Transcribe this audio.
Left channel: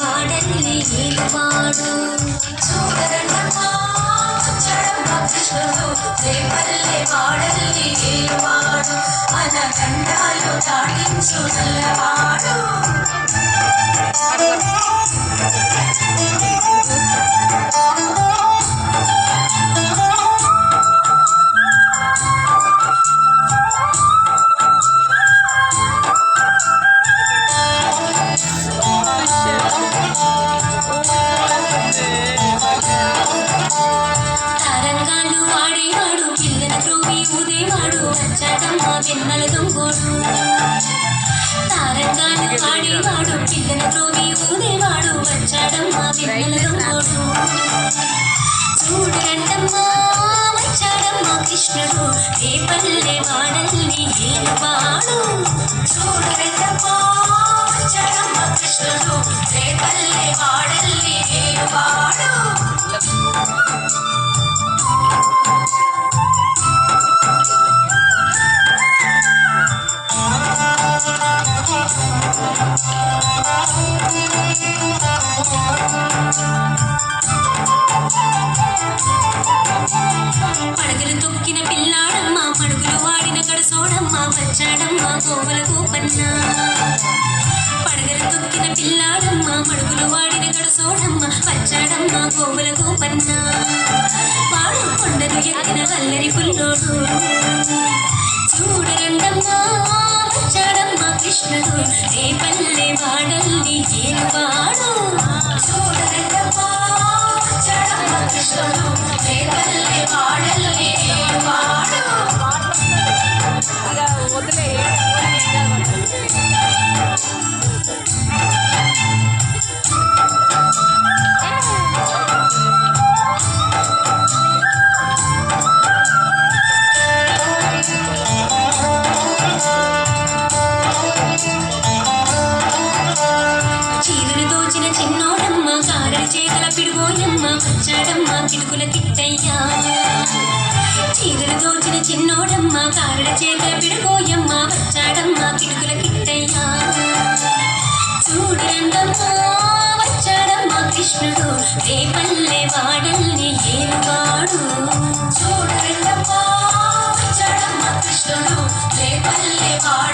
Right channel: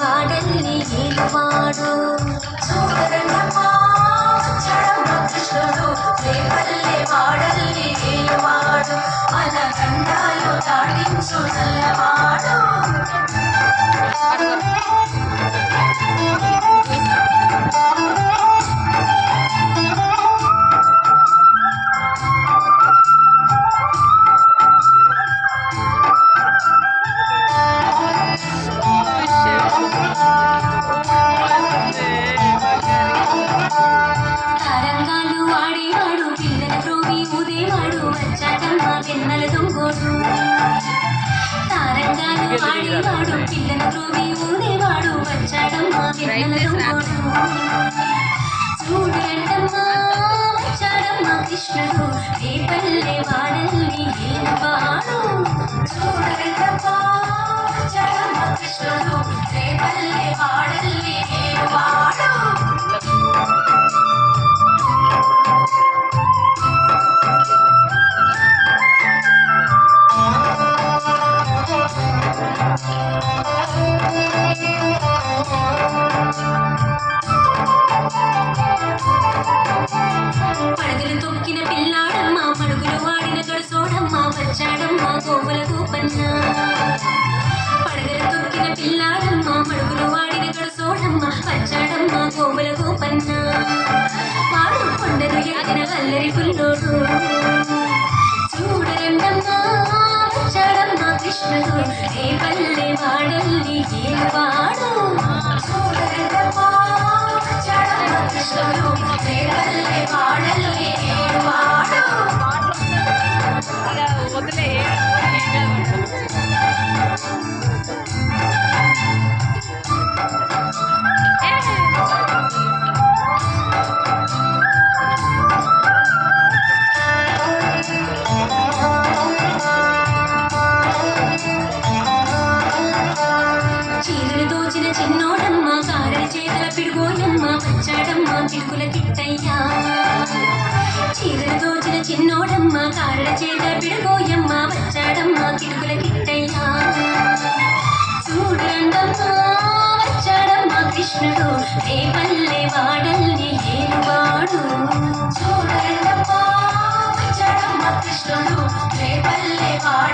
వాడల్ని ఏలువాడు. చూడరండమ్మా వచ్చాడమ్మ కృష్ణుడు, రేపల్లె వాడల్ని ఏలువాడు, మన గండాలు దాడించు నల్లవాడు. వెన్నెల దొంగోడు తారంగాలు ఆడేవాడు, పిల్లల త్రోవి ఊదేవాడు, వచ్చాడమ్మా వెన్నెల దొంగోడు. చూడరండమ్మా వచ్చాడమ్మా కృష్ణుడు, రేపల్లె వాడల్ని ఏలువాడు. చూడరండమ్మా వచ్చాడమ్మా కృష్ణుడు, రేపల్లె వాడల్ని ఏలువాడు. పడగలు తొక్కిన పిల్లాడమ్మ, పడుగులు వాడిన గడసోడమ్మ, వచ్చాడమ్మ గోవుల గోపన్న. పడగలు తొక్కిన పిల్లాడమ్మ, పడుగులు వాడిన గడసోడమ్మ, వచ్చాడమ్మ గోవుల గోపన్న. వాడు కొండలు ఎత్తిన అల్లరి పుల్లోడు. చూడరండమ్మా వచ్చాడమ్మ కృష్ణుడు, రేపల్లె వాడల్ని ఏలువాడు. చూడరండమ్మా వచ్చాడమ్మ కృష్ణుడు, రేపల్లె వాడల్ని ఏలువాడు. చీరలు దోచిన చిన్నోడమ్మ, కారడి చేతల పిడుగోయమ్మ, వచ్చాడమ్మ పిడుగుల కిట్టయ్యా. చీరలు దోచిన చిన్నోడమ్మ, కారడి చేతల పిడుగోయమ్మ, వచ్చాడమ్మ పిడుగుల కిట్టయ్యా. చూడరండమ్మా వచ్చాడమ్మ కృష్ణుడు, రేపల్లె వాడల్ని ఏలువాడు. చూడరండమ్మా వచ్చాడమ్మ కృష్ణుడు, రేపల్లె వాడు.